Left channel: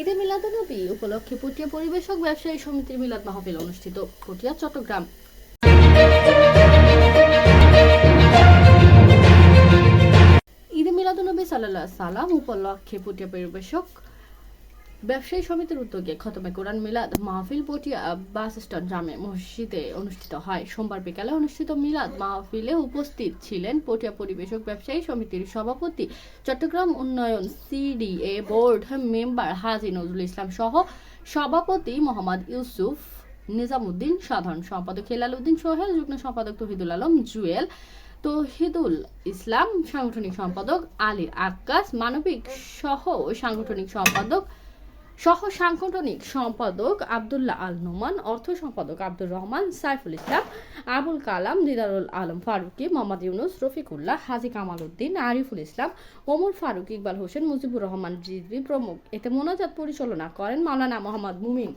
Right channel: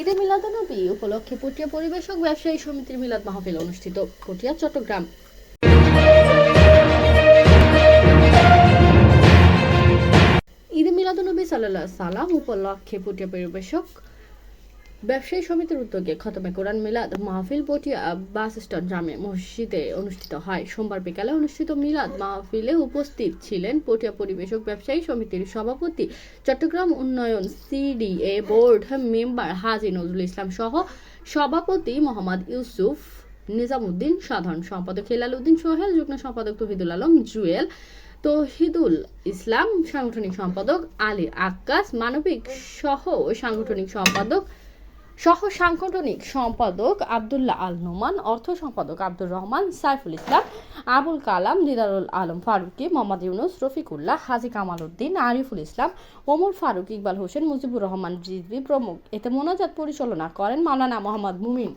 ঈদে মিলাদানবী উপলক্ষে পটিয়া পরিবেশক ব্যবসায়ী সমিতির মিলাদ মাহফিল অনুষ্ঠিত, পটিয়া, চট্টগ্রাম। ঈদে মিলাদনবী সাল্লাহ সালাম উপলক্ষে পটিয়া পরিবেশক ব্যবসায়ী সমিতির উদ্যোগে খতমে কোরআন মিলাদ, মাহফিল পটিয়া বাস স্ট্যান্ড জামে মসজিদে অনুষ্ঠিত হয়। সোমবার বিকালে অনুষ্ঠিত মিলাদ মাহফিলে উপস্থিত ছিলেন পটিয়া পরিবেশক ব্যবসায়ী সমিতির সভাপতি চট্টগ্রাম উন্নয়ন CDA board member Haji Nazrul Islam সহ সভাপতি মোহাম্মদ ইউসুফ নিজামুদ্দিন, সাধারণ সম্পাদক হেলাল উদ্দিন সোহেল, যুগ্ম সম্পাদক তহিদুল আলম, জুয়েল তহিদুল ইসলাম, সাংগঠনিক সম্পাদক আলী আক্কাস, মানবিক সহ সাংগঠনিক সম্পাদক সহ সাংগঠনিক সম্পাদক আবদুল্লাহ আল নোমান, অর্থ সম্পাদক আব্দুর রহমান, সাইফুল ইসলাম, আবুল কালাম, দিদারুল আলম ফারুকি, মোহাম্মদ ইউনুস, রফিকুল্লাহ, হাজি কামাল উদ্দিন আরিফুল ইসলাম, ওমর ফারুক ইকবাল হোসেন, মুজিবুর রহমান জিজবি প্রমুখ। এতে মোনাজাত পরিচালনা করেন মাওলানা মোহাম্মদ মুমিন।